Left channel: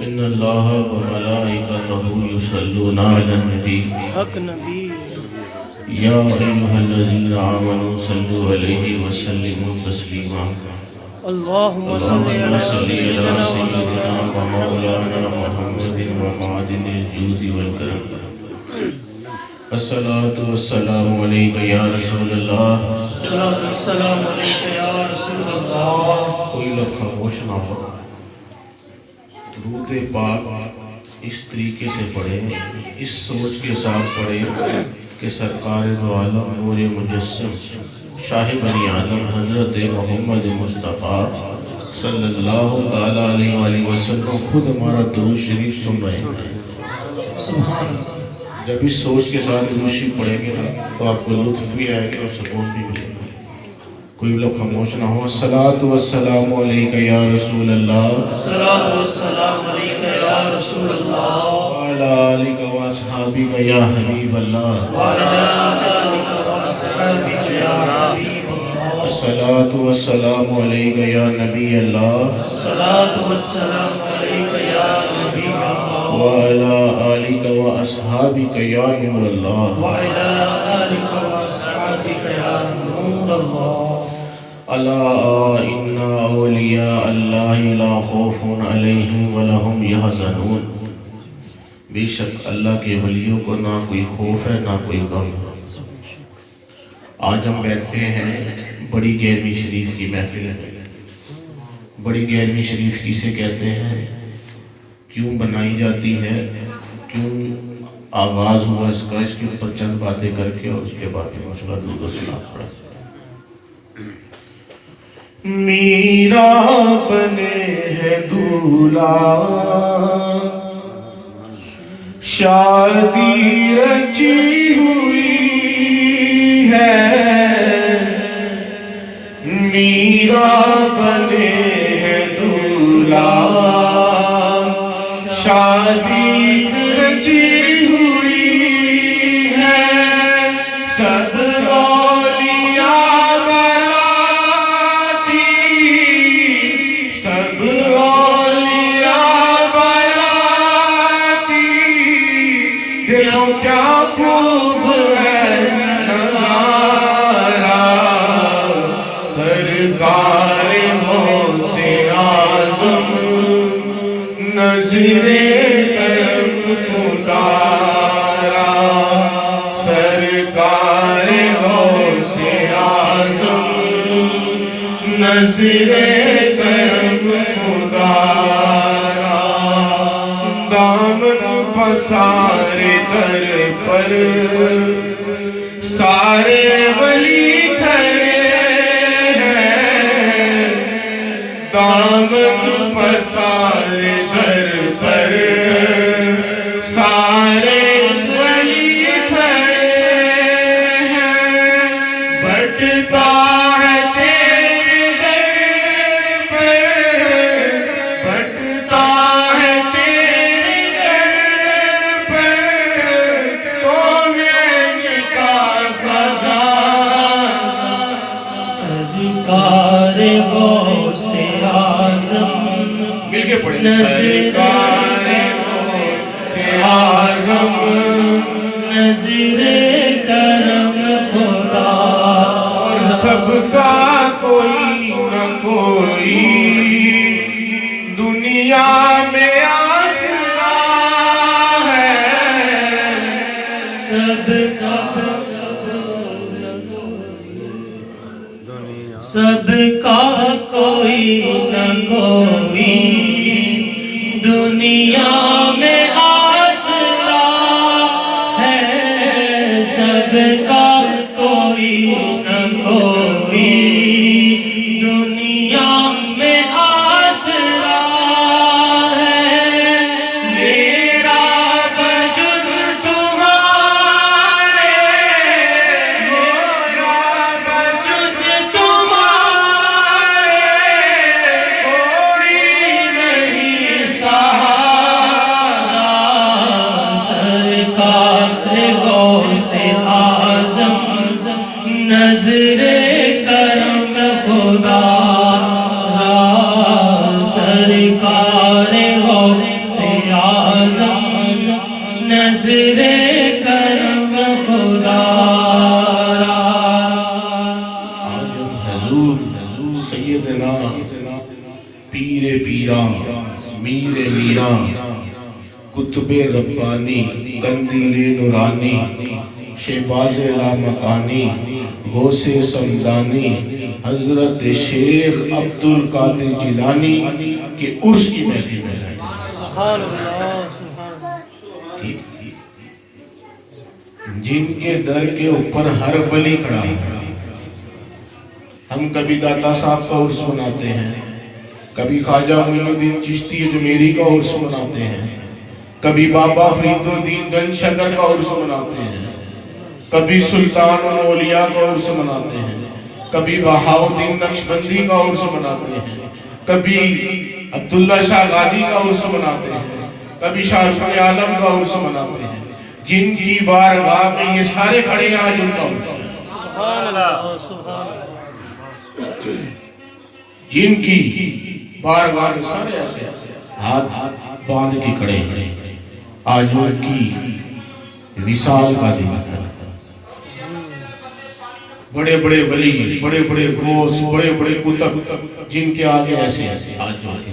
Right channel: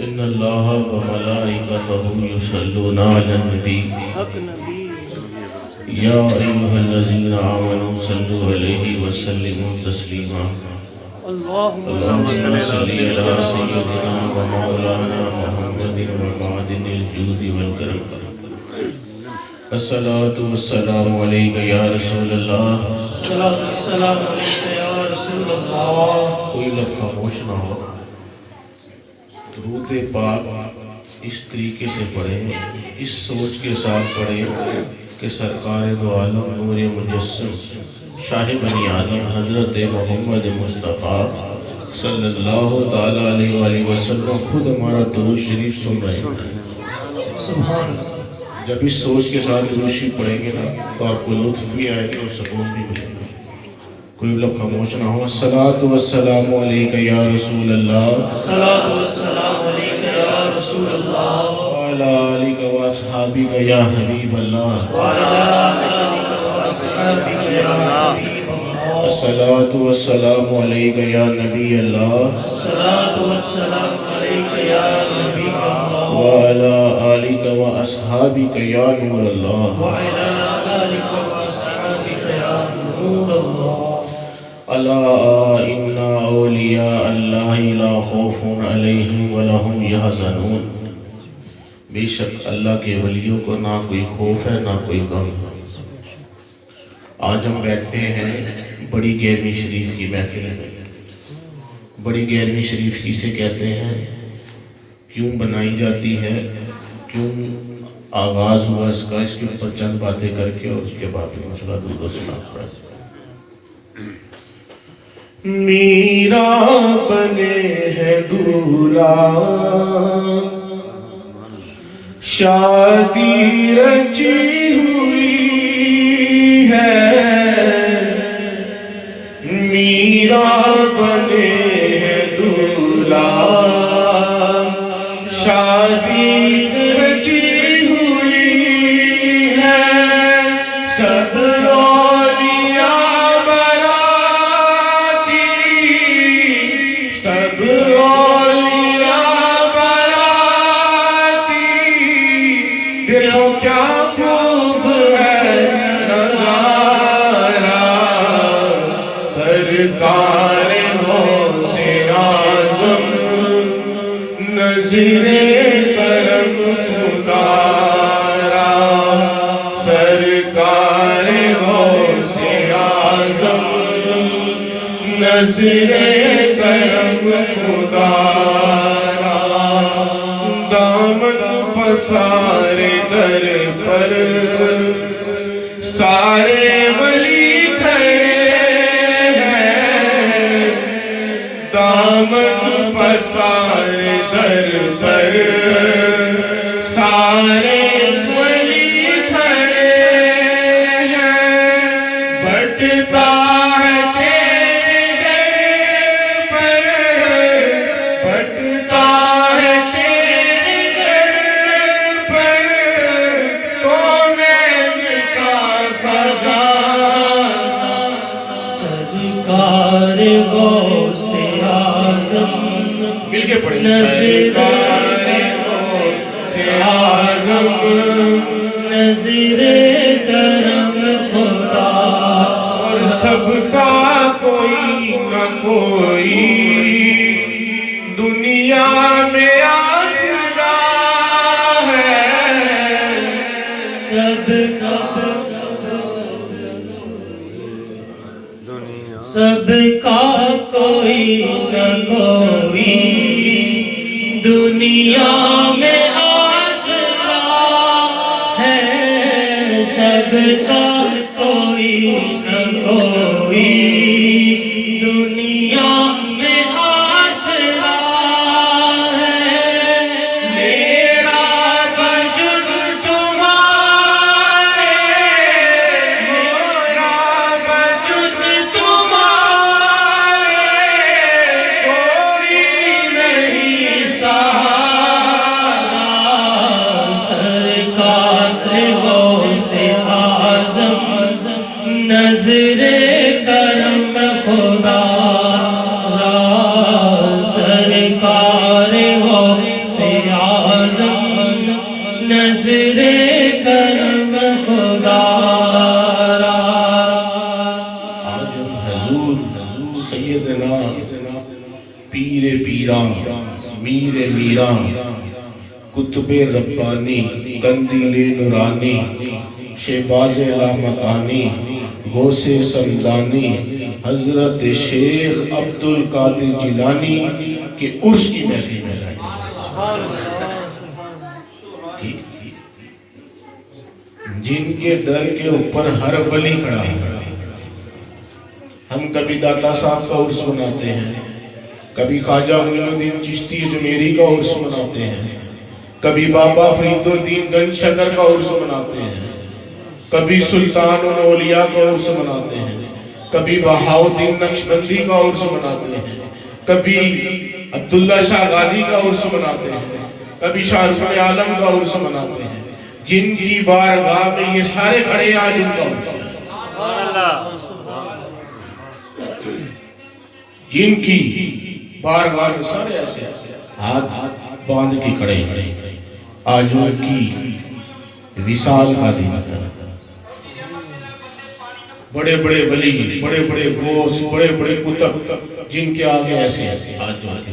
ان اللہ و ملائکتہ یصلون علی النبی یا ایھا الذین آمنوا صلوا علیہ وسلموا تسلیما اللہم صل علی سیدنا و مولانا محمد و معدن الجود والکرم الصلاة والسلام علیک یا رسول اللہ السلام علیکم یا رسول اللہ. کوئی لب خاموش نہ ہو. درود پاک اس طریقے سے پڑھیں، اس سوچ کے ساتھ پڑھیں کہ سرکار دو عالم نور مجسم شاہ بنی آدم حضرت محمد مصطفیٰ صلی اللہ تعالیٰ علیہ وآلہ وسلم خود ہمارا درود شریف سن رہے ہیں. سبحان اللہ. جب اس سوچ کے ساتھ درود شریف پڑھیں گے نا تو آپ کو لطف بھی آئے گا اور سکون بھی ملے گا. کوئی لوگ خاموش نہ ہو. الصلاۃ والسلام علیک یا رسول اللہ الصلاۃ والسلام علیک یا رسول اللہ وعلی آلک و اصحابک یا حبیب اللہ وعلی آلک و اصحابک یا حبیب اللہ. الصلاۃ والسلام علیک یا نبی اللہ الصلاۃ والسلام علیک یا نبی اللہ وعلی آلک و اصحابک یا نور اللہ وعلی آلک و اصحابک یا نور اللہ. الا ان اولیاء اللہ لا خوف علیہم ولہم یحزنون. بے شک اللہ کے ولیوں کو نہ کوئی خوف ہے نہ کوئی غم. آج ہم بیٹھتے ہیں بڑی 11ویں شریف کی محفل میں. بڑی 11ویں شریف کسے کہتے ہیں، کیوں بنائی جاتی ہے، کیوں آغاز ہوا اس کا، اس کے اوپر چند باتیں کر کے اور اس کے بعد مشورہ درود و سلام پڑھیں. میرا بنے ہے دولہا شادی رچی ہوئی ہے. میرا بنے ہے دولہا شادی رچی ہوئی ہے. سب دیکھو کیا خوب ہے نظارہ، سرکار غوث اعظم نظر کرم خدا را. سرکار غوث اعظم نظر کرم خدا را. دامن پسارے در پر سارے ولی کھڑے ہیں. دامن پسارے در پر سارے ولی کھڑے ہیں. بٹتا ہے تیرے در پر، بٹتا ہے مل کے پڑھیں. سرکار غوث اعظم نظر کرم خدا. اور سب کا کوئی نہ کوئی دنیا میں آسرا ہے. سب کا کوئی نہ کوئی دنیا میں آسرا ہے. سب کا کوئی نہ کوئی دنیا میں آسرا ہے. میرا بجز تمہارے، میرا بجز تمہارے کوئی نہیں سہارا. سرکار غوث اعظم نظر کرم خدا را آج ہم حضور سیدنا پیر پیران میر میران کتب ربانی قندیل نورانی شہباز لامکانی غوث سمدانی حضرت شیخ عبد القادر جیلانی کے عرس کی محفل میں ہے جن کے در کے اوپر ہر ولی کھڑا ہے. ہم کبھی داتا صاحب کا عرس مناتے ہیں, کبھی خواجہ معین الدین چشتی اجمیری کا عرس مناتے ہیں, کبھی بابا فرید الدین گنج شکر کا عرس مناتے ہیں, کبھی سلطان الاولیاء کا عرس مناتے ہیں, کبھی بہاؤالدین نقشبندی کا عرس مناتے ہیں, کبھی عبداللہ شاہ غازی کا عرس مناتے ہیں, کبھی شاہ رخ عالم کا عرس مناتے ہیں. جن کی بارگاہ میں یہ سارے کھڑے ہیں آج ان کا عرس ہے. جن کی بارگاہ میں سارے ایسے ہاتھ باندھ کے کھڑے ہیں آج ان کی وصال کا دن ہے. بڑے بڑے ولی, بڑے بڑے غوث, بڑے بڑے کتب جن کے آگے ایسے ایسے آج جو آگے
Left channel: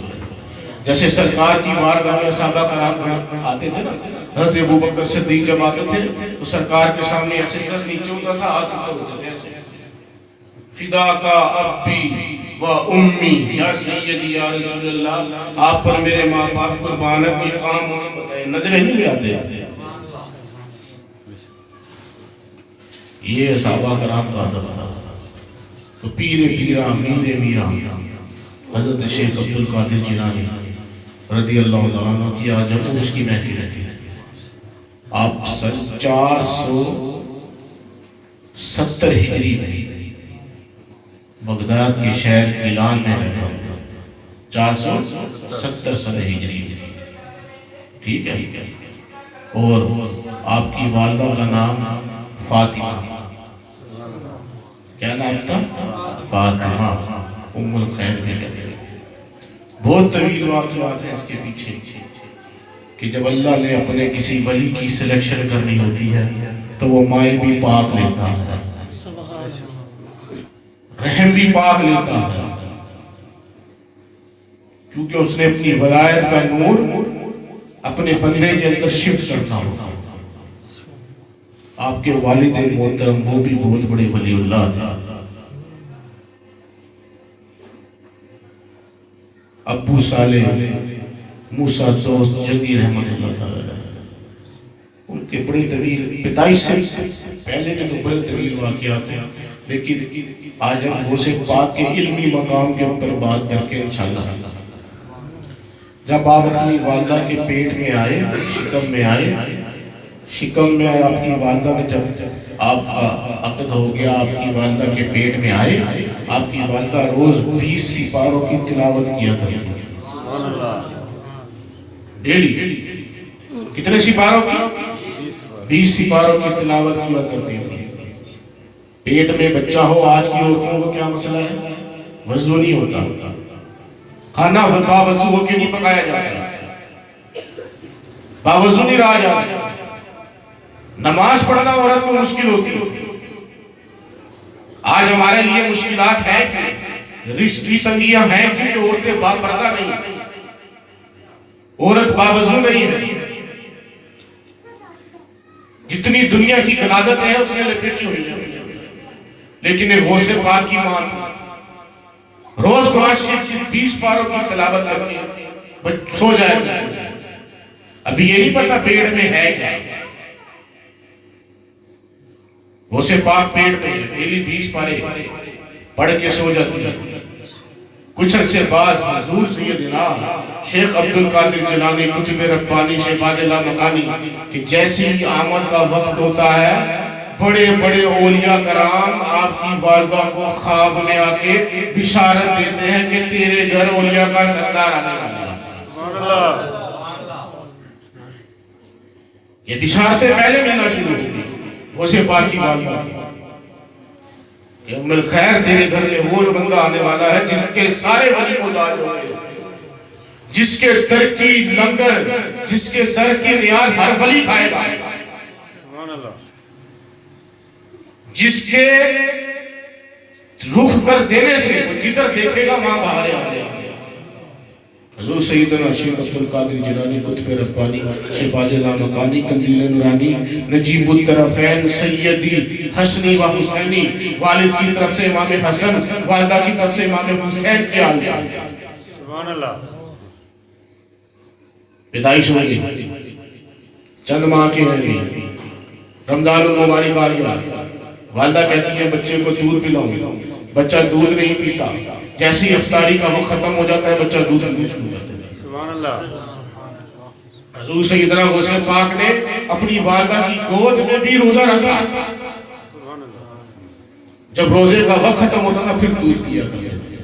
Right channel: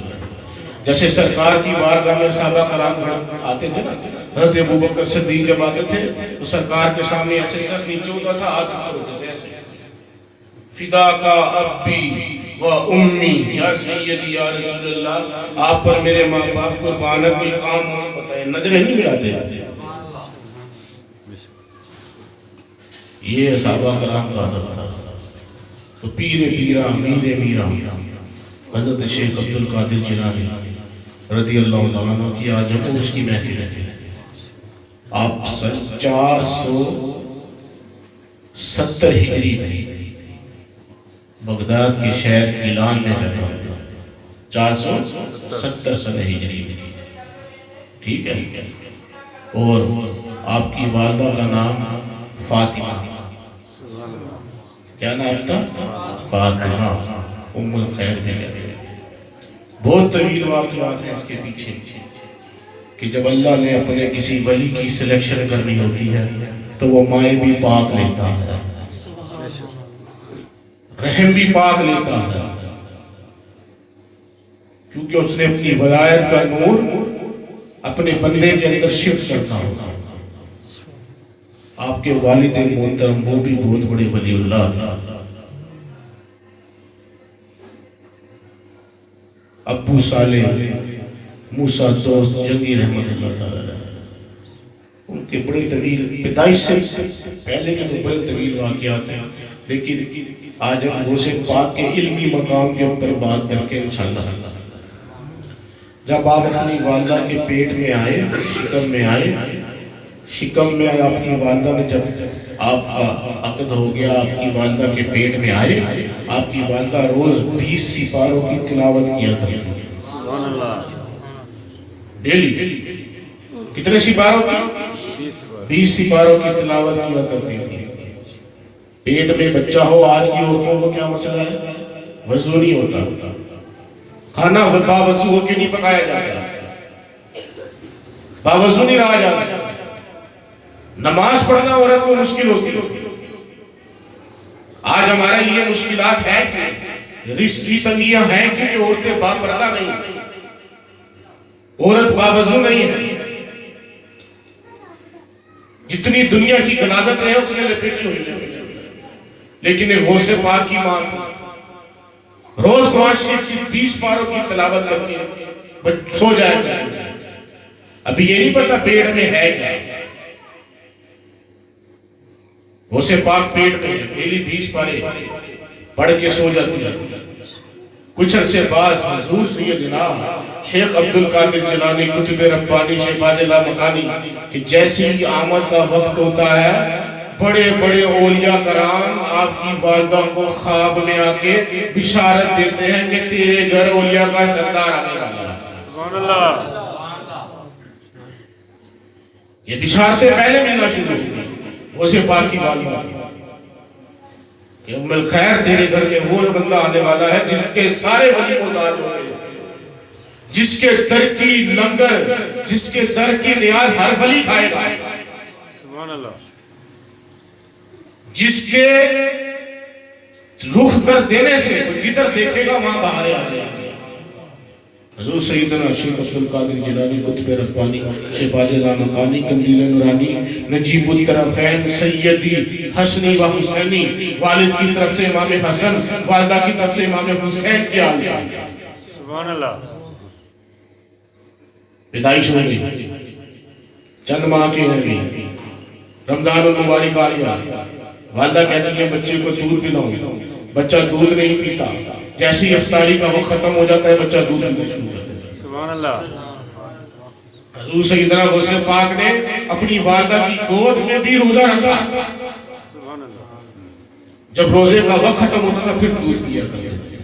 جیسے سرکار کی بارگاہ میں صحابہ کرام آتے تھے نا, حضرت ابوبکر صدیق جب آتے تھے تو سرکار کے سامنے ایسے سر نیچے ہوتا تھا, ہاتھ اوپر ہوتے تھے ایسے فدا کا ابی و امی یا سیدی یا رسول اللہ, آپ پر میرے ماں باپ قربانت کی کام بتائے, نظریں نہیں آتے. یہ صحابہ کرام کا ادب تھا. تو پیر پیرا میر میرا حضرت شیخ عبد القادر جیلانی رضی اللہ تعالیٰ عنہ کی آج ہم اس کی محفل ہے. آپ 470 ہجری بغداد کے شہر ایلان میں رہا, 470 سنہ ہجری, ٹھیک ہے. اور آپ کی والدہ کا نام فاطمہ, کیا نام تھا؟ فاطمہ ام الخیر کے کہتے ہیں. بہت طویل واقعات ہیں اس کے پیچھے کہ جب اللہ نے اپنے کسی ولی کی سلیکشن کرنی ہوتی ہے تو وہ مائیں بھی پاک لیتا ہے, رحم بھی پاک لیتا ہے, کیونکہ اس نے اپنی ولایت کا نور اپنے بندے کے اندر شفٹ کرنا ہوتا. آپ کے والد محترم وہ بھی بہت بڑے ولی اللہ تھا. ابو صالح موسیٰ دوست جنگی رحمت اللہ تعالیٰ, ان کے بڑے طویل پیدائش سے پہلے کے تو بڑے طویل واقعات ہیں, لیکن آج ہم غوث پاک کے علمی مقام کے اوپر بات کر کے انشاءاللہ. جب آپ اپنی والدہ کے پیٹ میں آئے, شکم میں اپنی والدہ نے جب آپ کا عقد ہو گیا, آپ کی والدہ کے پیٹ میں آئے, آپ کی والدہ روز 20 سپاروں کی تلاوت کیا کرتی تھی ڈیلی. کتنے سپاروں کی؟ 20 سپاروں کی تلاوت کیا کرتی تھی. پیٹ میں بچہ ہو, آج کی عورتوں کو کیا مسئلہ ہے؟ وضو نہیں ہوتا, کھانا باوضو ہو کے نہیں پکایا جاتا, باوضو نہیں رہا جاتا, نماز پڑھنا عورت کو مشکل ہوتی ہے. آج ہمارے لیے مشکلات ہیں, رشتی تنگیاں ہیں, کیونکہ عورتیں باپردہ نہیں, عورت باوضو نہیں ہے. جتنی دنیا کی غلاظت ہے اس نے لپیٹی ہوئی ہے, لیکن ایک غوث پاک کی ماں تھی, روز 20 پاروں کی تلاوت کرتی ہے, سو جائے گا. ابھی یہ نہیں پتا پیٹ میں ہے کیا. غوث پاک پیٹ میں ڈیلی 20 پارے پڑھ کے سو جاتی ہے. کچھ عرصے بعد حضور سیدنا شیخ عبد القادر جیلانی کتب ربانی شہباز لامکانی کہ جیسی ہی آمد کا وقت ہوتا ہے, بڑے بڑے اولیاء کرام آپ کی والدہ کو خواب میں آ کے بشارت دیتے ہیں کہ تیرے گھر اولیاء کا سردار آنے والا ہے. یہ بشارتیں پہلے ملنا شروع ہوئی. غوث پاک کی والدہ کہ ام الخیر تیرے گھر میں وہ بندہ آنے والا ہے جس کے سارے ولی کو تاج ہوئے, جس کے در کی لنگر، جس کے در کی نیاز ہر ولی کھائے گا، جس کے رخ کر دینے سے جدھر دیکھے گا وہاں باہر آ جائے گا۔ حضور سیدنا شیخ عبد القادر جیلانی قطب ربانی شہباز لامکانی قندیل نورانی نجیب الطرفین سیدی حسنی و حسینی، والد کی طرف سے امام حسن، والدہ کی طرف سے امام حسین کی آل سبحان اللہ۔ پیدائش ہوئی چند ماہ کے ہیں، رمضان المبارک آ گیا، والدہ کہتی ہے بچے کو دودھ پلاؤں، بچہ دودھ نہیں پیتا، جیسے ہی افطاری کا وقت ختم ہو جاتا ہے بچہ دودھ پینا شروع کرتا ہے۔ سبحان اللہ۔ حضور سیدنا غوث پاک نے اپنی والدہ کی گود میں بھی روزہ رکھا، سبحان اللہ۔ جب روزے کا وقت ختم ہوتا تھا پھر دودھ پیا کرتے تھے۔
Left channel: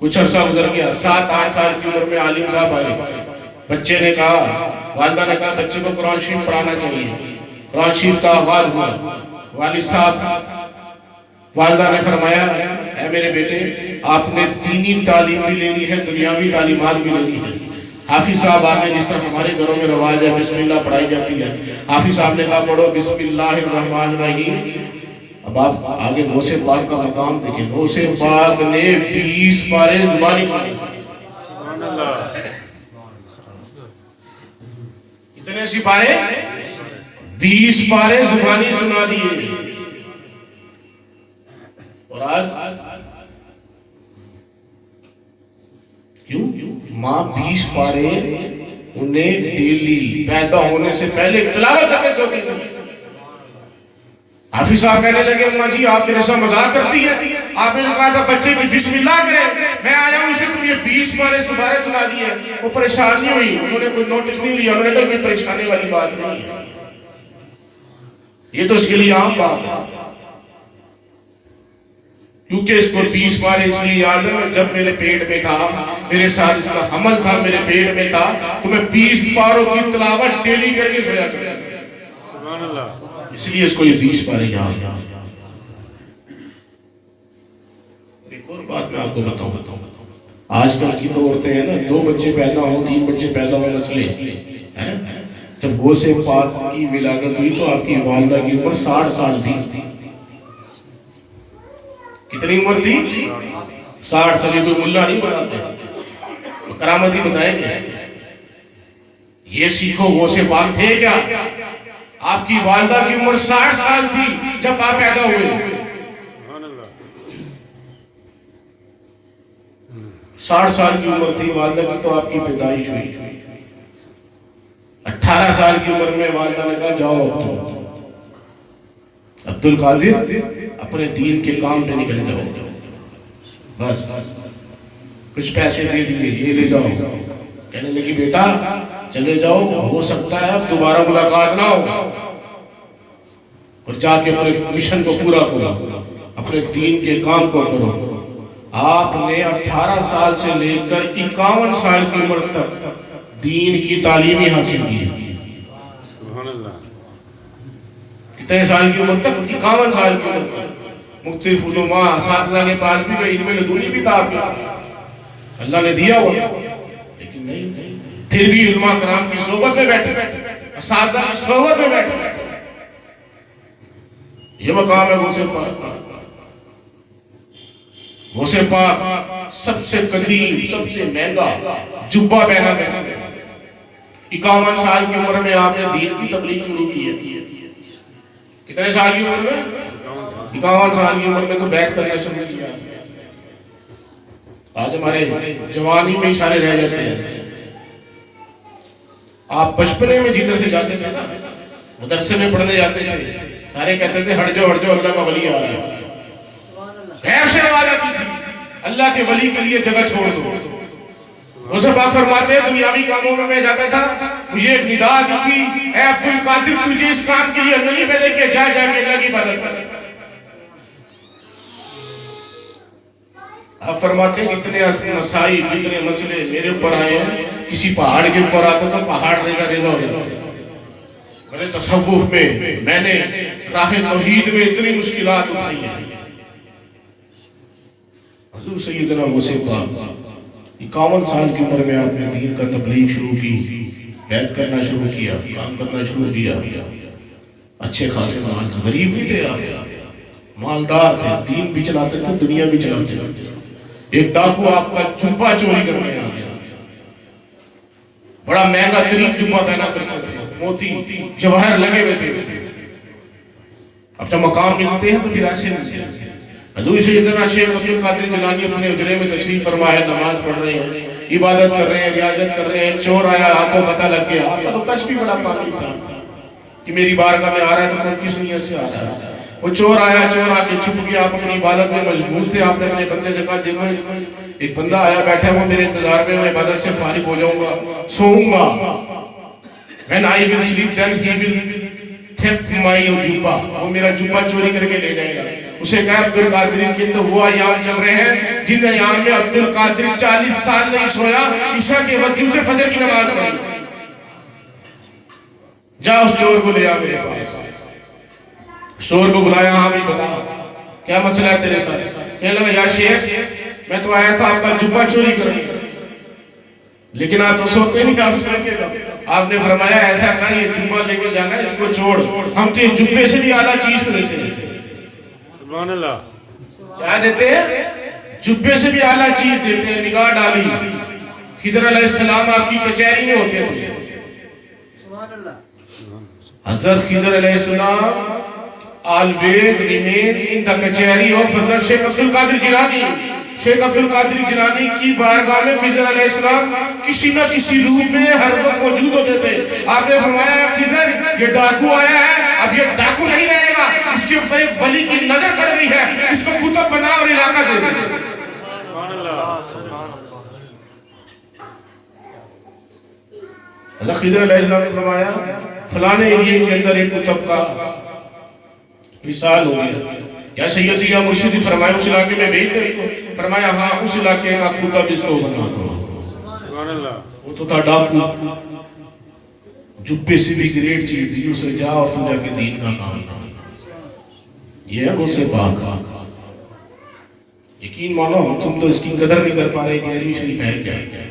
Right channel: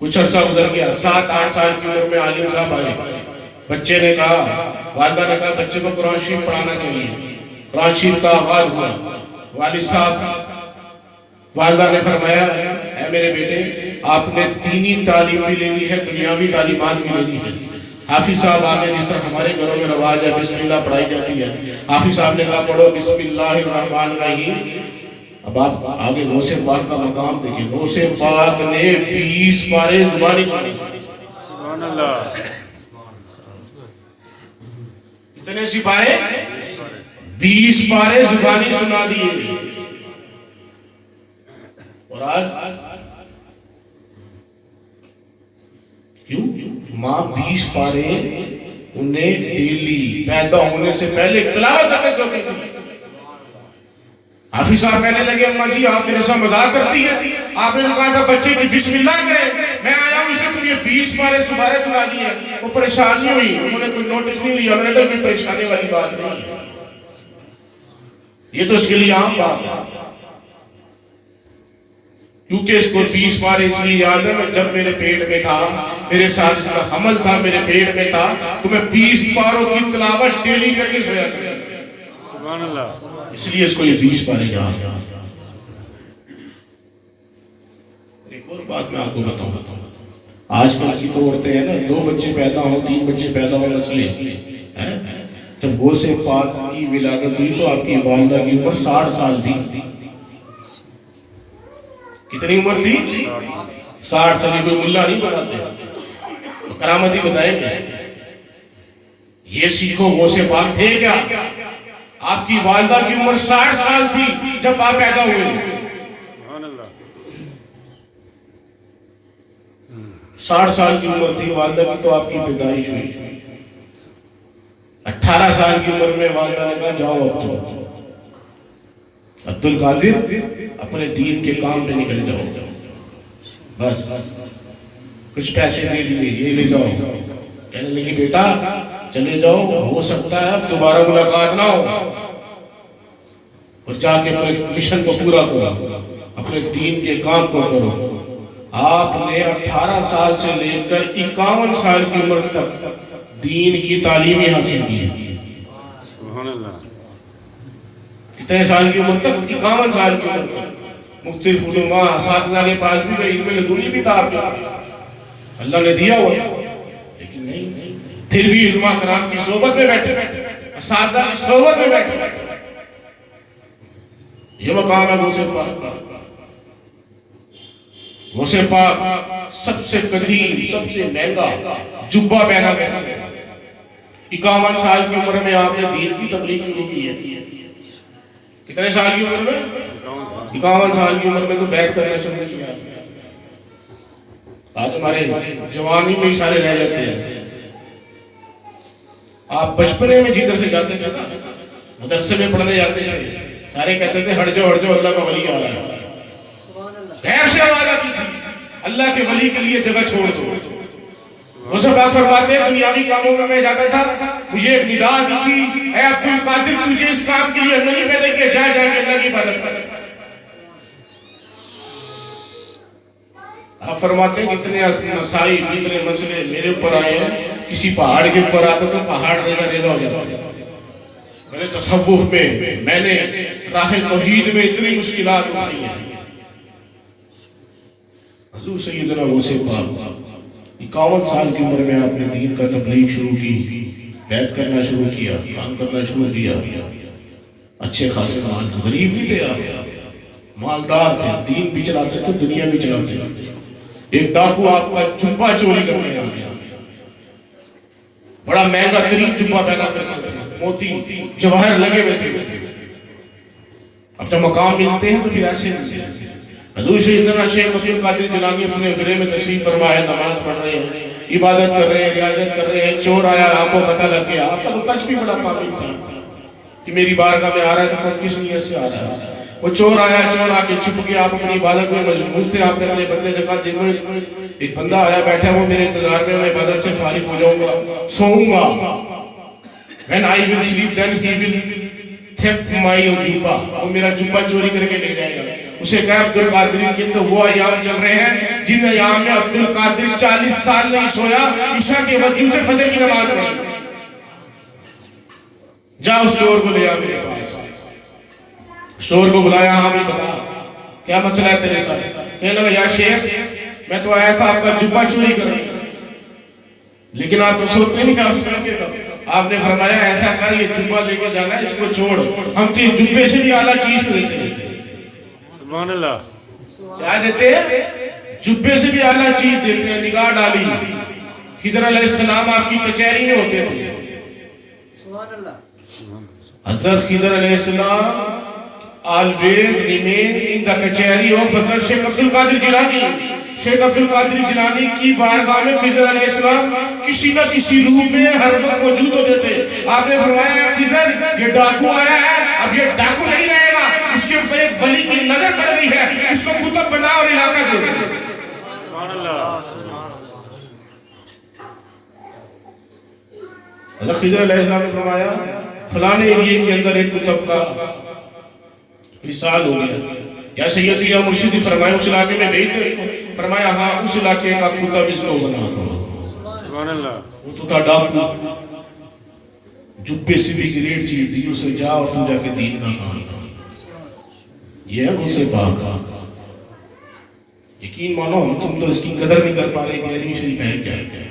کچھ عرصہ گزر گیا، 7-8 سال کی عمر میں عالم صاحب آئے، بچے نے کہا، والدہ نے کہا بچے کو قرآن شریف پڑھانا چاہیے، قرآن شریف کا آغاز ہوا، والد صاحب، والدہ نے فرمایا اے میرے بیٹے آپ نے دینی تعلیم بھی لینی ہے، دنیاوی تعلیمات بھی لینی ہے۔ حافظ صاحب آگے جس طرح ہمارے گھروں میں رواج ہے بسم اللہ پڑھائی جاتی ہے، حافظ صاحب نے کہا پڑھو بسم اللہ الرحمن الرحیم۔ اب آپ آگے غوث پاک کا مقام دیکھیں، غوث پاک نے 20 پارے زبانی سنی۔ سبحان اللہ۔ کتنے سی پارے؟ 20 پارے زبانی سنا دیے۔ اور آج کیوں؟ ماں 20 پارے انہیں ڈیلی پیدا ہونے سے پہلے تلاوت کرنے سے ہوتی تھی۔ حافظ صاحب کہنے لگے اماں جی آپ میرے ساتھ مذاق کرتی ہیں، آپ نے کہا تھا بچے کی بسم اللہ کرے، میں آیا ہوں اس نے مجھے 20 پارے سبارے سنا دیے۔ وہ پریشانی ہوئی، انہوں نے کوئی نوٹس نہیں لیا، انہوں نے کہا کوئی پریشانی والی بات نہیں ہے، یہ تو اس کے لیے عام بات ہے، کیونکہ اس کو 20 پارے اس لیے یاد ہے جب میرے پیٹ میں تھا، میرے ساتھ اس کا حمل تھا، میرے پیٹ میں تھا، تو میں 20 پاروں کی تلاوت ڈیلی کر کے سویا کرتا تھا، سبحان اللہ۔ اس لیے اس کو یہ 20 پارے یاد۔ ایک اور بات میں آپ کو بتاؤں، آج کل کی تو عورتیں ہیں نا 2 بچے پیدا ہوں 3 بچے پیدا ہوں مسئلے ہیں۔ جب غوث پاک کی ولادت ہوئی تو آپ کی والدہ کی عمر 60 سال تھی۔ کتنی عمر تھی؟ 60 سال۔ کوئی ملا نہیں بتاتے، کرامت ہی بتائیں گے۔ یہ سیکھو غوث پاک تھے کیا؟ آپ کی والدہ کی عمر 60 سال تھی جب آپ پیدا ہوئے۔ سبحان اللہ۔ 60 سال کی عمر تھی والدہ کی تو آپ کی پیدائش ہوئی۔ 18 سال کی عمر میں والدہ نے کہا جاؤ اب تو عبد القادر اپنے دین کے کام پہ نکل جاؤ، بس کچھ پیسے دے دیے یہ لے جاؤ۔ کہنے لگی بیٹا چلے جاؤ، ہو سکتا ہے اب دوبارہ ملاقات نہ ہو، اور جا کے اپنے مشن کو پورا کرو، اپنے دین کے کام کو کرو۔ آپ نے 18 سال سے لے کر 51 سال کی عمر تک دین کی تعلیمی حاصل کی۔ سبحان اللہ۔ کتنے سال کی عمر تک؟ 51 سال کی عمر تک مختلف علماء اساتذہ کے پاس بھی گئے، علم لدنی بھی تھا آپ کا، اللہ نے دیا ہوا، لیکن نہیں، پھر بھی علماء کرام کی صحبت میں بیٹھے، اساتذہ کی صحبت میں بیٹھے۔ یہ مقام ہے غوث پاک۔ غوث پاک سب سے قدیم، سب سے مہنگا جبہ پہنا گیا۔ 51 سال کی عمر میں آپ نے دین کی تبلیغ شروع کی ہے۔ کتنے سال کی عمر میں؟ 51 سال کی عمر میں تو بیعت کرنا شروع کیا۔ آج ہمارے جوانی میں اشارے رہ جاتے ہیں۔ آپ بچپنے میں جدھر سے جاتے تھے نا، مدرسے میں پڑھنے جاتے تھے، سارے کہتے تھے ہٹ جاؤ اللہ کا ولی آ رہا ہے، غیر سے وعدہ کی تھی اللہ کے ولی کے لیے جگہ چھوڑ دو۔ غوث پاک فرماتے ہیں دنیاوی کاموں میں جاتا تھا، مجھے ایک ندا دی تھی اے عبد القادر تجھے اس کام کے لیے نہیں پیدا کیا، جا کے اللہ کی عبادت کر۔ آپ فرماتے ہیں اتنے مسائل اتنے مسئلے میرے اوپر آئے ہیں، کسی پہاڑ کے اوپر آتا تو پہاڑ ریزہ ریزہ ہو جاتا۔ میں نے تصوف میں نے راہ توحید میں اتنی مشکلات اٹھائی ہیں۔ حضور سیدنا غوث پاک 51 سال کی عمر میں آپ نے دین کا تبلیغ شروع کی، بیعت کرنا شروع کیا، کام کرنا شروع کیا، اچھے خاصے مال، غریب بھی تھے آپ، مالدار تھے، دین بھی چلاتے تھے، دنیا بھی چلاتے تھے۔ ایک ڈاکو آپ کا جبہ چوری کرنے آ گیا، بڑا مہنگا ترین جبہ پہنا کرتے تھے، موتی جواہر لگے ہوئے تھے۔ اب جب مقام ملتے ہیں تو پھر ایسے ملتے ہیں۔ حضور سیدنا شیخ عبد القادر جیلانی اپنے حجرے میں تشریف فرما ہے، نماز پڑھ رہے ہیں، عبادت کر رہے ہیں، ریاضت کر رہے ہیں، چور آیا، آپ کو پتہ لگ گیا، آپ کا تو ٹچ بھی بڑا کافی تھا کہ میری بارگاہ میں آ رہا ہے تو کون کس نیت سے آ رہا ہے۔ وہ چور آیا، چور آ کے چھپ کے آپ اپنی عبادت میں مشغول تھے، آپ نے اپنے بندے سے کہا دیکھو ایک بندہ آیا بیٹھا وہ میرے انتظار میں عبادت سے فارغ ہو جاؤں گا، سوؤں گا، when I will sleep then he will theft my Jabba, وہ میرا جبہ چوری کر کے لے جائے گا۔ اسے کہا عبد القادری کے تو وہ ایام چل رہے ہیں جن ایام میں عبد القادری 40 سال نہیں سویا، عشاء کے وجہ سے فجر کی نماز پڑھی۔ جا اس چور کو لے آ میرے پاس۔ چور کو بلایا، ہاں بھی بتا کیا مسئلہ ہے تیرے ساتھ؟ کہنے لگا یا شیخ میں تو آیا تھا آپ کا جبہ چوری کرنے، لیکن آپ تو سوتے نہیں، آپ سوئیں گے۔ آپ نے فرمایا ایسا کر یہ جبہ لے کے جانا ہے، اس کو چھوڑ، ہم تو یہ جبے سے بھی اعلیٰ چیز دیتے ہیں۔ سبحان اللہ، کیا دیتے ہیں؟ جبے سے بھی اعلیٰ چیز دیتے ہیں۔ نگاہ ڈالی، خضر علیہ السلام آپ کی کچہری میں ہوتے تھے۔ حضرت خضر علیہ السلام always remains in the کچہری of حضرت شیخ عبد القادر جیلانی۔ شیخ عبد القادر جیلانی کی بارگاہ میں خضر علیہ السلام کسی نہ کسی روپ میں ہر وقت موجود ہوتے تھے۔ آپ نے فرمایا خضر یہ ڈاکو آیا ہے، اب یہ ڈاکو نہیں رہے گا، اس کے اوپر ایک ولی کی نظر پڑ رہی ہے، اس کو کتب بنا اور علاقہ دے دے۔ سبحان اللہ، حضرت خضر علیہ السلام نے فرمایا فلانے ایریے کے اندر ایک کتب کا مثال ہو گیا، یا سید یا مرشد فرمایا اس علاقے میں بھیج دے، فرمایا ہاں اس علاقے کا کتب اس کو بنا دو۔ سبحان اللہ، وہ تو تھا ڈاکو، جبے سے بھی گریٹ چیز دی، اسے جا اور تم جا کے دین کا کام کر۔ یہ ہے غصے پاک۔ یقین مانو تم تو اس کی قدر نہیں کر پا رہے، گہری شریف ہے کیا؟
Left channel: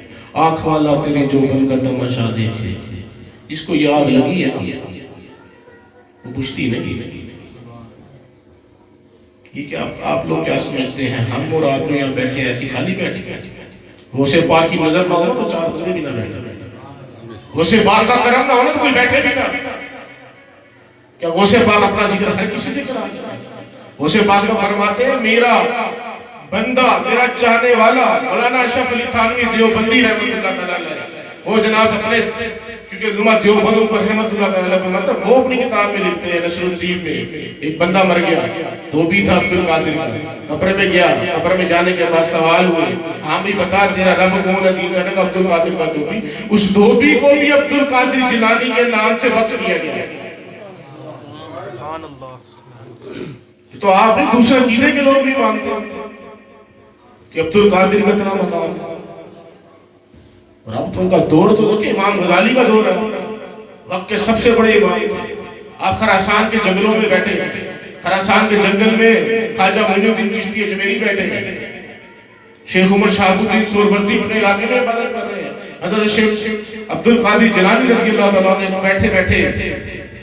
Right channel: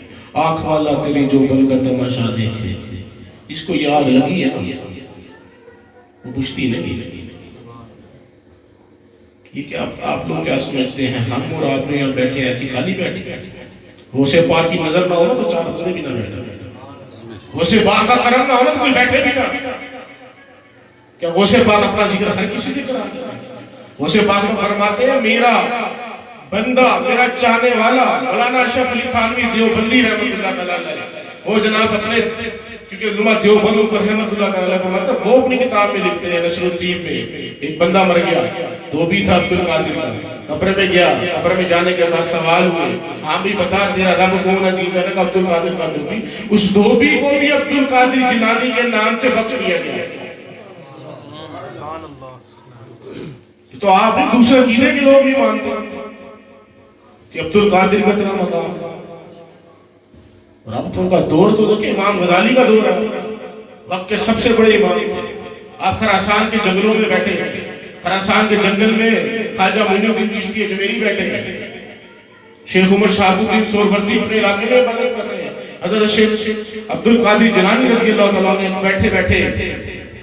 آنکھ والا تیرے جو بن کر تماشا دیکھے، اس کو یہ آگ لگی ہے نا، وہ بجھتی نہیں۔ یہ کیا آپ لوگ کیا سمجھتے ہیں ہم اور آپ یہاں بیٹھے ایسی خالی بیٹھے؟ غوث پاک کی نظر نہ ہو تو چار بندے بھی نہ بیٹھے، غوث پاک کا کرم نہ ہو تو کوئی بیٹھے بھی نہ۔ کیا غوث پاک اپنا ذکر ہر کسی سے کرا؟ غوث پاک کو فرماتے ہیں میرا بندہ، میرا چاہنے والا مولانا اشرف علی تھانوی دیوبندی رحمۃ اللہ تعالی علیہ، وہ جناب اپنے کیونکہ علماء دیوبندوں پر رحمۃ اللہ تعالی علیہ فرماتا ہے، وہ اپنی کتاب میں لکھتے ہیں نشر الدین میں ایک بندہ مر گیا، دھوبی تھا عبد القادر کا، قبر میں گیا، قبر میں جانے کے بعد سوال ہوئے ہاں بھی بتا تیرا رب کون ہے؟ دین کا عبد القادر کا دھوبی، اس دھوبی کو بھی عبد القادر جیلانی کے نام سے وقف کیا گیا۔ تو آپ بھی دوسرے عقیدے کے لوگ بھی مانتے ہیں کہ عبد القادر کا اتنا مقام ہے، اور اب ان کا دور تو کہ امام غزالی کا دور ہے، وقت کے سب سے بڑے امام۔ آپ خراسان کے جنگلوں میں بیٹھے ہیں، خراسان کے جنگل میں خواجہ معین الدین چشتی اجمیری بیٹھے ہیں، شیخ عمر شہاب الدین سہروردی اپنے علاقے میں عبادت کر رہے ہیں، حضرت شیخ عبد القادر جیلانی رضی اللہ تعالیٰ نے بیٹھے بیٹھے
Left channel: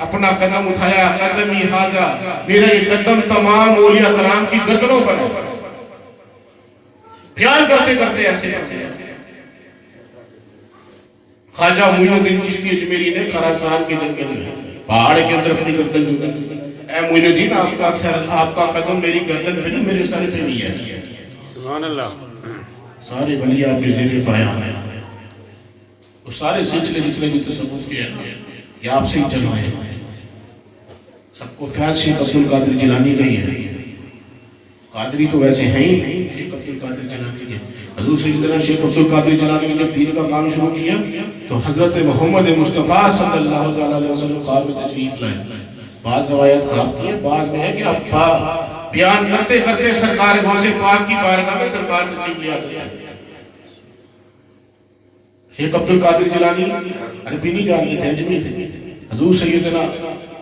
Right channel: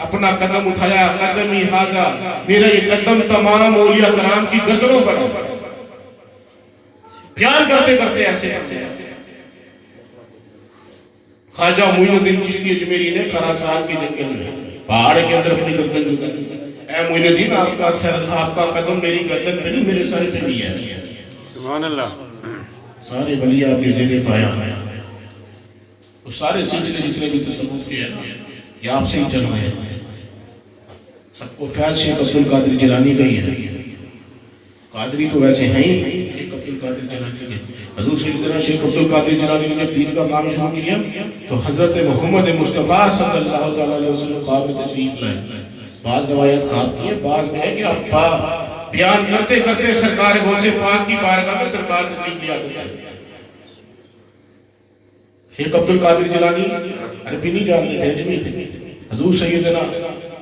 اپنا قدم اٹھایا، قدمی حاجہ، میرا یہ قدم تمام اولیاء کرام کی گردنوں پر بیان کرتے کرتے ایسے خواجہ معین الدین چشتی اجمیری نے خراسان کے جنگل میں پہاڑ کے اندر اپنی گردن جھکائی، اے معین الدین آپ کا قدم میری گردن پہ نہیں میرے سر پہ نہیں ہے۔ سبحان اللہ، سارے ولی آپ کے ذریعے پایا وہ سارے سلسلے جتنے بھی تصوف کے ہیں یہ آپ سے ہی چل رہے ہیں، سب کو فیض شیخ عبد القادر جیلانی گئی ہے۔ قادری تو ویسے ہیں ہی نہیں، شیخ عبد القادر جیلانی کے حضور سیدنا شیخ عبد القادر جیلانی نے جب دین کا کام شروع کیا تو حضرت محمد مصطفیٰ صلی اللہ علیہ وسلم خواب میں تشریف لائے۔ بعض روایت خواب کی ہے، بعض میں ہے کہ آپ بیان کرتے کرتے سرکار غوث پاک کی بارگاہ میں سرکار تشریف لے آتے ہیں۔ شیخ عبد القادر جیلانی عربی نہیں جانتے تھے، اجمی تھے۔ حضور سیدنا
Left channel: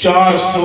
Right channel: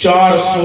400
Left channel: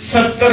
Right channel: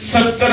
70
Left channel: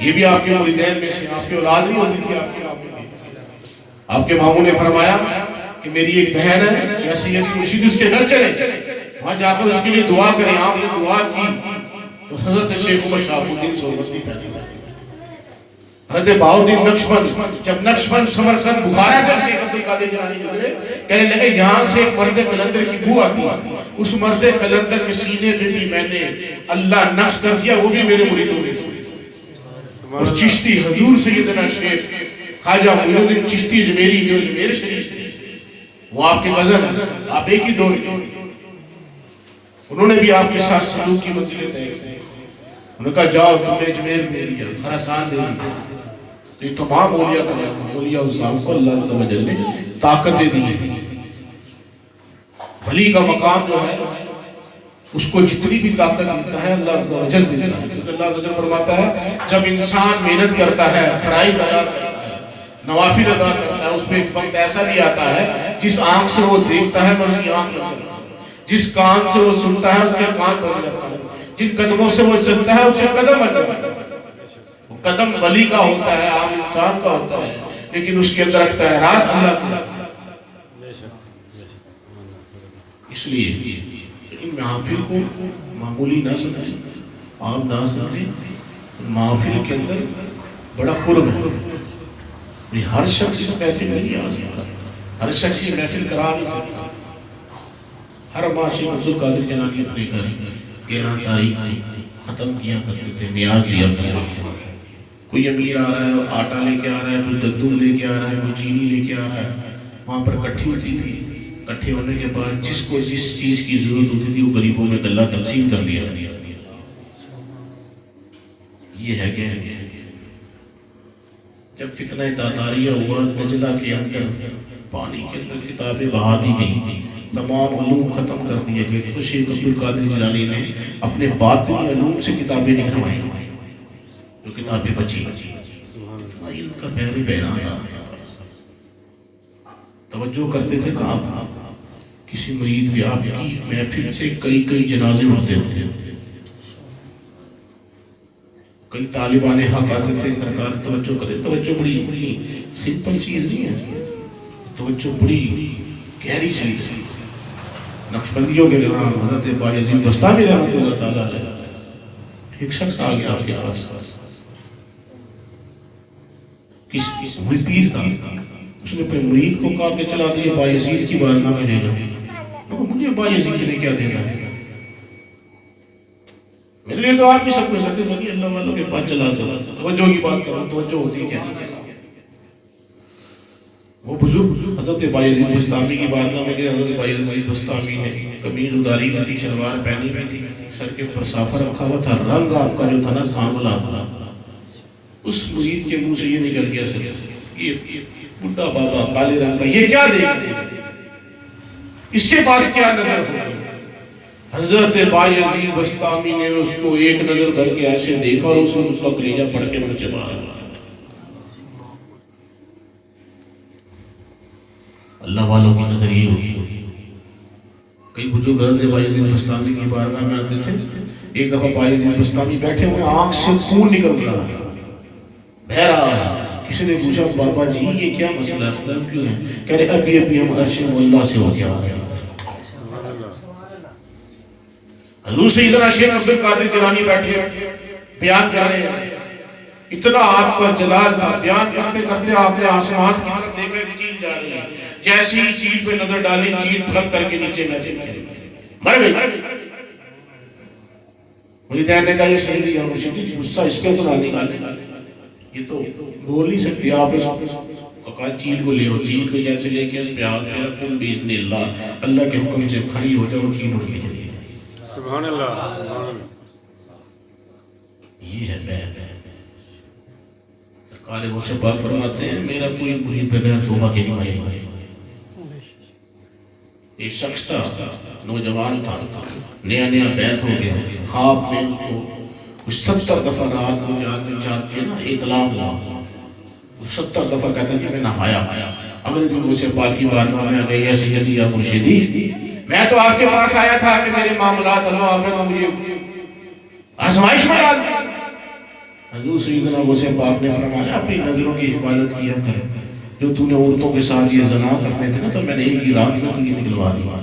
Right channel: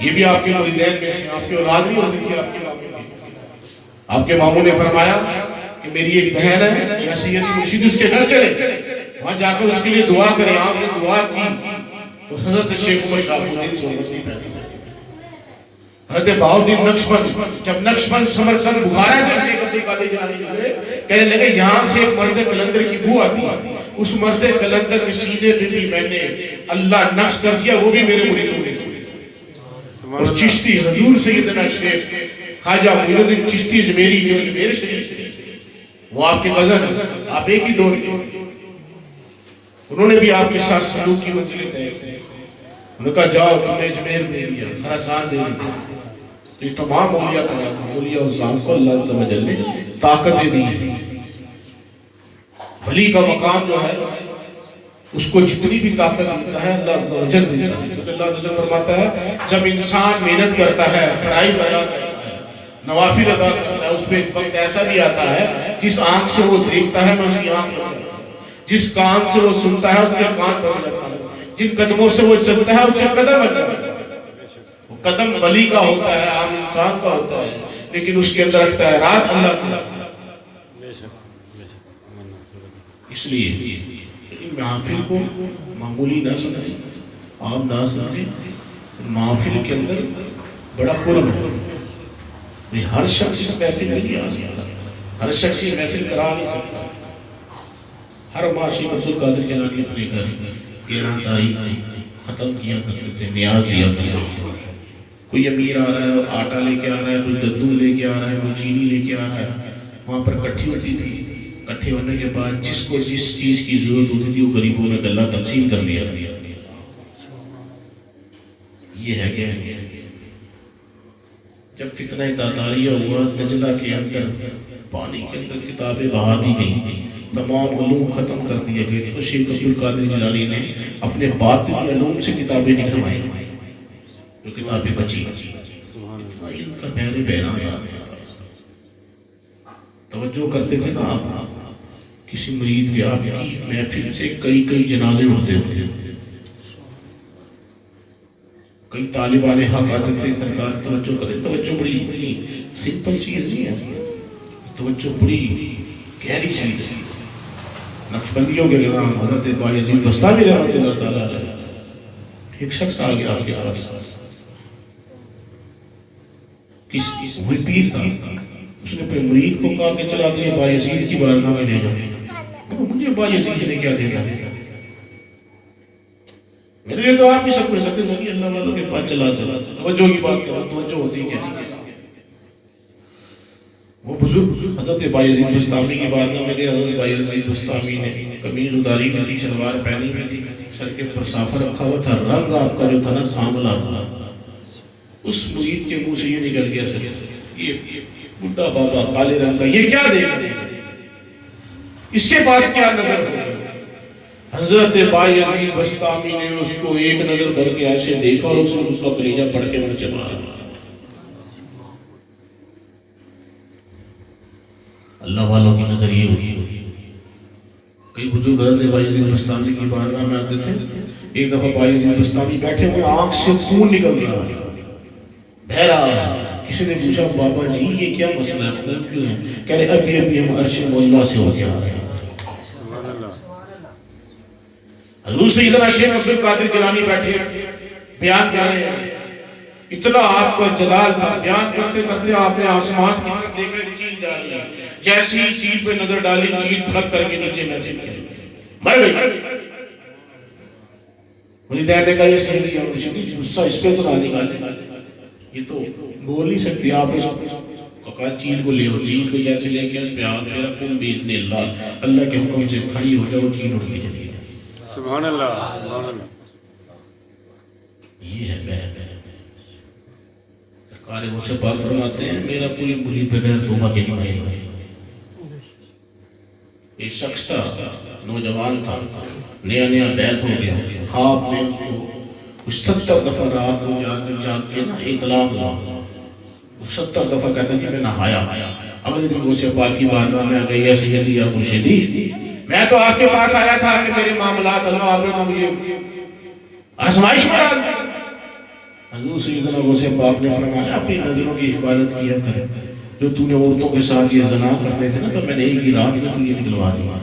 یہ بھی آپ کے والدین میں سے، آپ کی اولاد نہیں ہوتی تھی آپ کے ماموں کی۔ آپ کے ماموں نے فرمایا کہ میری ایک بہن ہے یا سید مرشد اس کے گھر چلے، وہاں جا کر اس کے لیے دعا کریں۔ آپ نے دعا کی تو حضرت شیخ عمر شاہ الدین سورمتی پیدا ہوئے۔ حضرت بہاؤالدین نقشبند، جب نقشبند سمرقند بخارا سے شیخ عبد القادر جیلانی گزرے، کہنے لگے یہاں سے ایک مرد قلندر کی بو آتی، اس مرد قلندر میں سینے پہ بھی میں نے اللہ نقش کر دیا، وہ بھی میرے مریدوں میں۔ اور چشتی حضور سیدنا شیخ خواجہ معین الدین چشتی اجمیری جو اجمیر شریف تھے، وہ آپ کے غزل، آپ ایک ہی دور کے، انہوں نے بھی آپ کے ساتھ سلوک کی منزلیں طے کی۔ انہوں نے کہا جاؤ تمہیں اجمیر دے دیا، خراسان دے دیا، تو یہ تمام اولیاء کا اولیاء الزام کو اللہ عز و جل نے طاقتیں دی۔ ولی کا مقام جو ہے اس کو جتنی بھی طاقت دیتا ہے اللہ عز و جل دیتا ہے، کیونکہ اللہ عز و جل فرماتا ہے جب انسان محنت کرتا ہے، فرائض ادا کرتا ہے، نوافل ادا کرتا ہے، اس پہ ایک وقت ایسا بھی آتا ہے جس آنکھ سے وہ دیکھتا ہے میں اس کی آنکھ میں کرتا ہوں، جس کان سے وہ سنتا ہے اس کے کان پر لگتا ہوں، جن قدموں سے وہ چلتا ہے اس سے قدم ادا، قدم ولی کا ہوتا ہے، عام انسان کا ہوتا ہے، لیکن اس کے اندر رکھتا ہے رات اللہ کا۔ اس لیے ان محافل کو معمولی نہ سمجھیں، عام نہ سمجھیں، محافل کے اندر بڑا قرب ہے۔ ہر شخص اس محفل میں نہیں آ سکتا، ہر شخص یہ محفل کرا نہیں سکتا۔ ہر ماہ شیخ عبد القادر جیلانی اپنے گھر 11 تاریخ ختم کیا کرتے تھے، نیاز لیا کرتے تھے۔ کوئی امیر آ رہا ہے آٹا لے کے آ رہا ہے، کوئی گندم لے کے آ رہا ہے، کوئی چینی لے کے آ رہا ہے، وہاں پر اکٹھی ہوتی تھی۔ اکٹھے ہونے کے بعد جس کو جس چیز کی ضرورت ہوتی تھی وہ غریبوں میں گلہ تقسیم کر لیا۔ یہ ہے کہ جب فتنہ تاتاریہ ہوا، دجلہ کے اندر پانی کے اندر کتابیں بہا دی گئیں، تمام علوم ختم کر دیے گئے، تو شیخ عبد القادر جیلانی نے اپنے باطنی علوم سے کتابیں نکلوائیں، جو کتابیں بچی۔ اتنا علم کا بحر بحران تھا۔ توجہ کرتے تھے نا آپ، کسی مرید کے آپ کی محفل سے کئی جنازے اٹھتے تھے، کئی طالبان حق آتے تھے۔ سرکار توجہ کرے، توجہ بڑی سمپل چیز نہیں ہے، توجہ بڑی گہری چیز ہے۔ نقشبندیوں کے امام حضرت بایزید بستامی رحمۃ اللہ تعالیٰ علیہ، ایک شخص آ گیا آپ کے پاس، کوئی پیر تھا، اس نے اپنے مرید کو کہا کہ چلا تو یہ بایزید کی بارگاہ میں لے جاؤ۔ مجھے بایزید نے کیا دینا ہے، میرے لیے تو آپ بھی سب کر سکتے تھے، اللہ والوں کے پاس چلا۔ توجہ کی بات کرو، توجہ ہوتی کیا نہیں۔ وہ بزرگ حضرت بایزید بستامی کی بارگاہ میں گئے۔ حضرت بایزید بستامی نے قمیض اتاری ہوئی تھی، شلوار پہنی ہوئی تھی، سر کے اوپر صافہ رکھا ہوا تھا، رنگ آپ کا جو تھا نا سانولا تھا۔ اس مرید کے منہ سے یہ نکل گیا، سر یہ بڈھا بابا کالے رنگ کا یہ کیا دے گا، اس کے پاس کیا نظر ہو۔ حضرت بایزید بستامی نے اس کو ایک نظر کر کے ایسے دیکھا اور اس نے اس کا کلیجہ پڑھ کے منہ چبا۔ اللہ والوں کی نظر یہ ہوتی۔ کئی بزرگ حضرت بایزید بستامی کی بارگاہ میں آتے تھے۔ ایک دفعہ بایزید بستامی بیٹھے ہوئے، آنکھ سے خون نکل رہا ہے، بہہ رہا ہے۔ کسی نے پوچھا بابا جی یہ کیا مسئلہ ہے، خون کیوں ہے؟ کہہ رہے ابھی ہم عرش مولا سے ہو گیا۔ حضور سیدنا شیخ عبد القادر جیلانی بیٹھے بیان کر رہے ہیں، اتنا آپ کا جلال تھا، بیان کرتے کرتے آپ نے آسمان کی طرف دیکھا، چیل ڈالی، جیسی ہی چیل پہ نظر ڈالی، چیل پھٹ کر کے نیچے محفل کی مر گئی۔ مریدین نے کہا یہ صحیح نہیں ہے مرشد، غصہ اس پہ تو نہ نکالے، یہ تو بول نہیں سکتے آپ۔ کہا چیل کو لے ہو، چیل کو جیسے لے کے اس پہ ہاتھ پہ رکھو، باذن اللہ اللہ کے حکم سے کھڑی ہو جاؤ، چیل اٹھ کے چلی جائے۔ سبحان اللہ۔ یہ ہے بیعت۔ سرکار غوث پاک فرماتے ہیں میرا کوئی مرید بغیر توبہ کے نہیں آئے گا۔ ایک شخص تھا، نوجوان تھا، نیا بیعت ہو گیا، خواب میں اس کو کچھ 70 دفعہ رات کو جاگتے نا اطلاع ہوا، 70 دفعہ کہتا کہ میں نہایا۔ اگلے دن غوث پاک کی بارگاہ میں آ گئی، یا سیدی یا مرشدی میں تو آپ کے پاس آیا تھا کہ میرے معاملات اللہ آپ نے تو مجھے آزمائش میں ڈال دیا، حضور سیدنا غوث پاک نے فرمایا اپنی نظروں کی حفاظت کیا کر، جو تو نے عورتوں کے ساتھ یہ زنا کرتے تھے نا تو میں نے ایک ہی رات میں تجھے نکلوا دیا.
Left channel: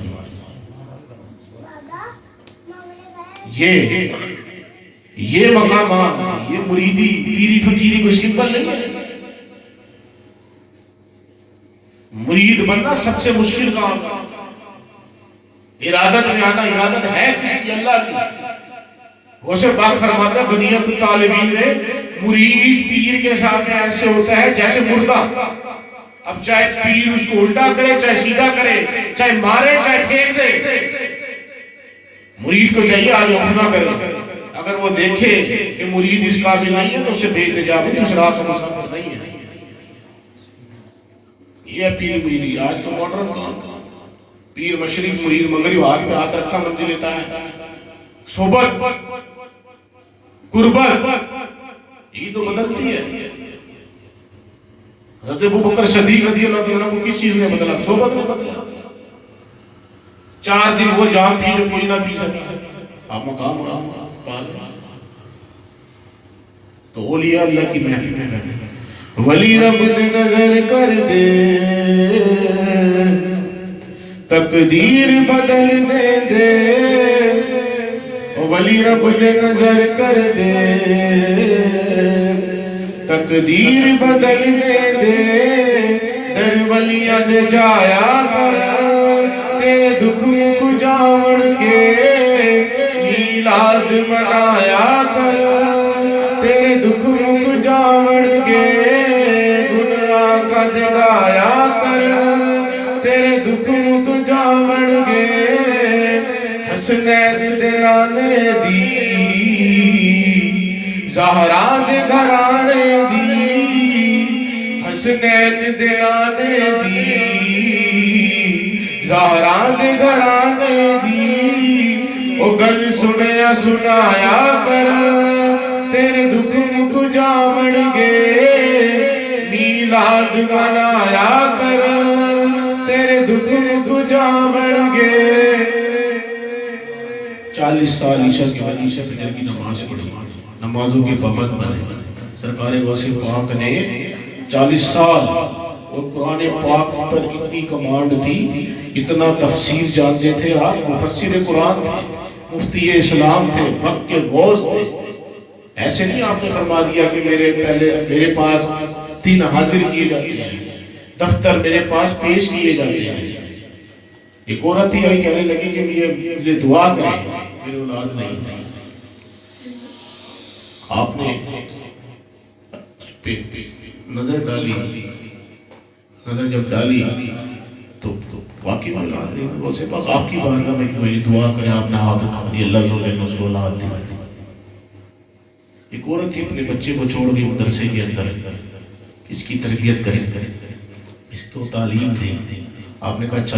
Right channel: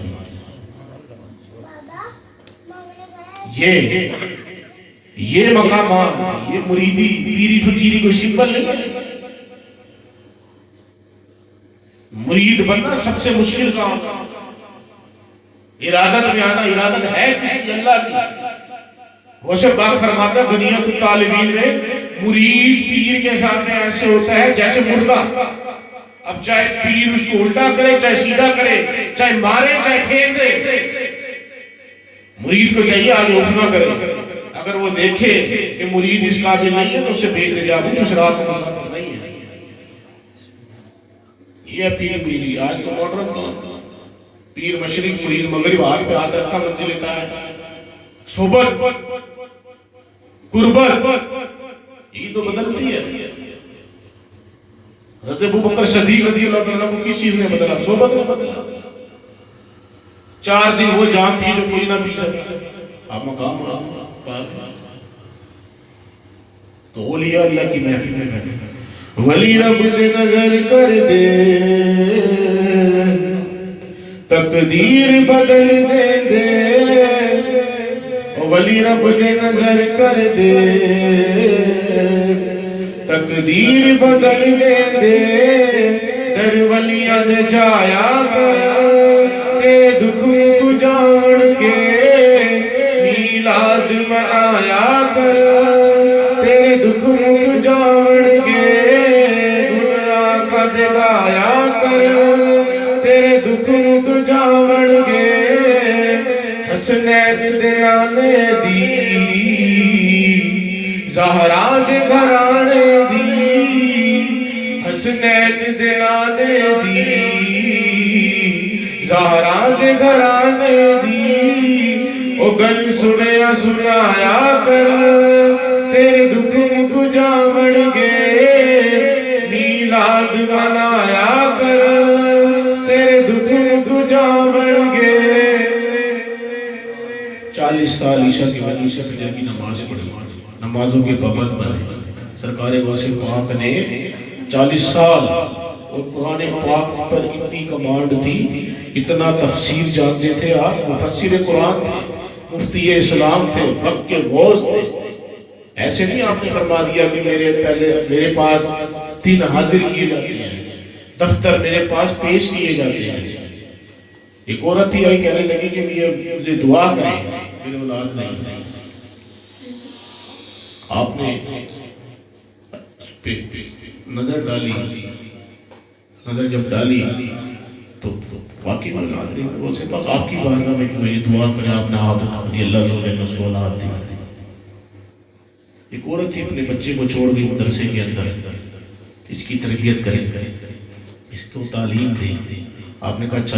یہ مقامات، یہ مریدی پیری فقیری کوئی سمبل نہیں ہے. مرید بننا سب سے مشکل کام. ارادت میں آنا، ارادت ہے کسی اللہ کی. غوث پاک فرماتا بنیت الطالبین میں مرید پیر کے ساتھ ایسے ہوتا ہے جیسے مردہ. اب چاہے پیر اس کو الٹا کرے، چاہے سیدھا کرے، چاہے مارے، چاہے پھینک دے، مرید کو چاہیے آگے اٹھ نہ کرے. اگر وہ دیکھے کہ مرید اس قابل نہیں ہے تو اسے بھیج دے، جا بھی اس راہ سے مسافر نہیں ہے. یہ پیر مریدی. آج تو ماڈرن کام، پیر مشرق، مرید مغرب، ہاتھ پہ ہاتھ رکھا منزل لیتا ہے. صحبت، قربت، یہ تو بدلتی ہے. حضرت ابوبکر صدیق رضی اللہ عنہ کو کس چیز نے بدلا؟ صحبت نے بدلا. 4 دن وہ جام تھی جو کوئی نہ پی سکتا. آپ مقام پا تو اولیاء اللہ کی محفل میں بیٹھے، ولی رب دے نظر کر دے، تقدیر بدل دے دے. ولی رب دے نظر کر دے، تقدیر بدل دے دے. در ولیاں دے جایا کر، تیرے دکھ کو جاون کے میلاد منایا کر. تیرے دکھ کو جاون کے گناہ قد گایا کر. تیرے دکھ کو جاون کے حسنین دلانے دی، زہرا دے گھرانے دی. حسنین دلانے دی، زہرا دے گھرانے دی. او گل سنیا سنایا کر، تیرے دکھ مک جاون گے میلاد منایا کر. تیرے دکھ مک جاون گے. 40 سال عیشہ کے بعد عیشہ فجر کی نماز پڑھی، نمازوں کے پابند بنے. سرکار غوث پاک نے 40 سال اور قرآن پاک پر اتنی کمانڈ تھی، اتنا تفسیر جانتے تھے. آپ مفسر قرآن تھے، مفتی اسلام تھے، وقت کے غوث تھے. ایسے نہیں آپ نے فرما دیا کہ میرے پاس 3 حاضر کیے جاتے ہیں، دفتر میرے پاس پیش کیے جاتے ہیں. ایک عورت ہی آئی کہنے لگی کہ یہ دعا کریں، میرے اولاد نہیں. آپ نے نظر ڈالی، نظر جب ڈالی تو واقعی میں غوث پاک آپ کی بارگاہ میں کہ میری دعا کریں. آپ نے ہاتھ اٹھا دی، اللہ تعالیٰ نے اس کو اولاد دی. ایک عورت تھی اپنے بچے کو چھوڑ کے مدرسے کے اندر، اس کی تربیت کریں، اس کو تعلیم دی. آپ نے کہا اچھا